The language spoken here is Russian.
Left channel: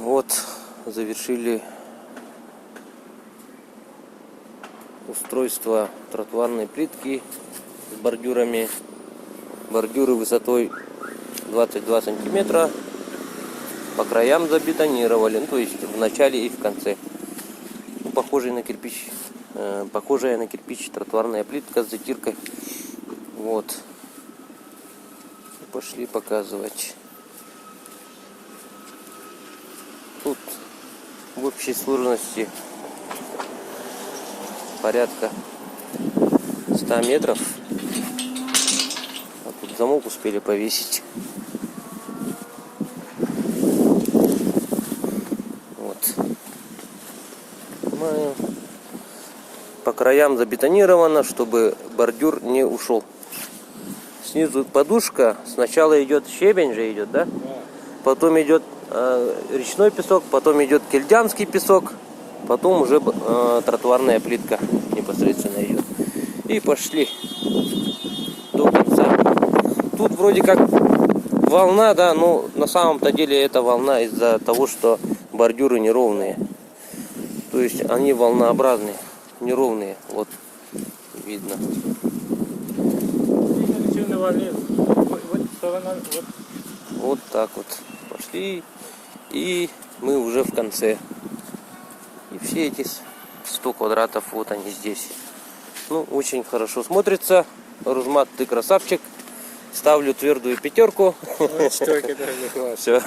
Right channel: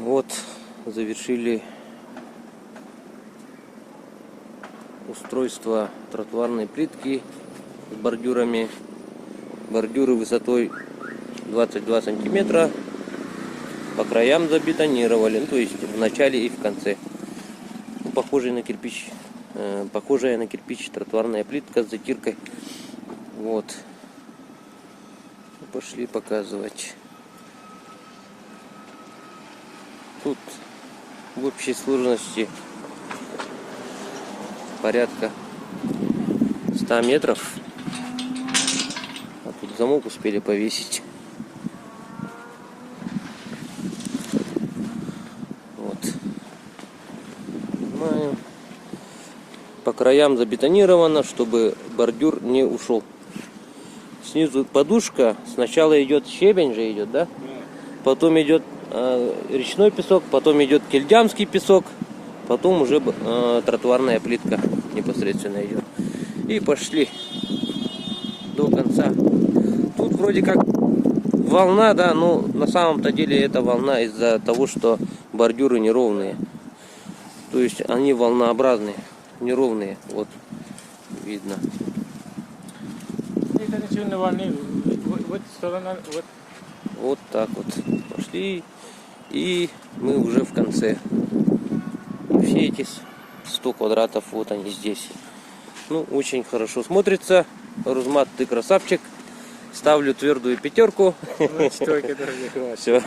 Вот завершили устройство тротуарной плитки с бордюрами. Бордюры высотой 22 сантиметра по краям забетонировали, ну, то есть в начале и в конце. Ну, похожая на кирпич тротуарная плитка с затиркой. Вот. Пошли показывать. Тут в общей сложности порядка 100 метров. А тут замок успели повесить. Вот. Снимаем. По краям забетонировано, чтобы бордюр не ушел. Снизу подушка. Сначала идет щебень же идет, да? Потом идет речной песок, потом идет кельдямский песок, потом уже тротуарная плитка непосредственно идет. И пошли до конца. Тут вроде как волна, да, но на самом-то деле это волна из-за того, что бордюры неровные. То есть они волнообразные, неровные. Вот видно. Вот так вот пошли, и мы уже в конце. И все эти 100 квадратов, вот они здесь. Ну, очень хорошо смотрится. Рузмат, ты красавчик. Ставлю твердую 5. Все.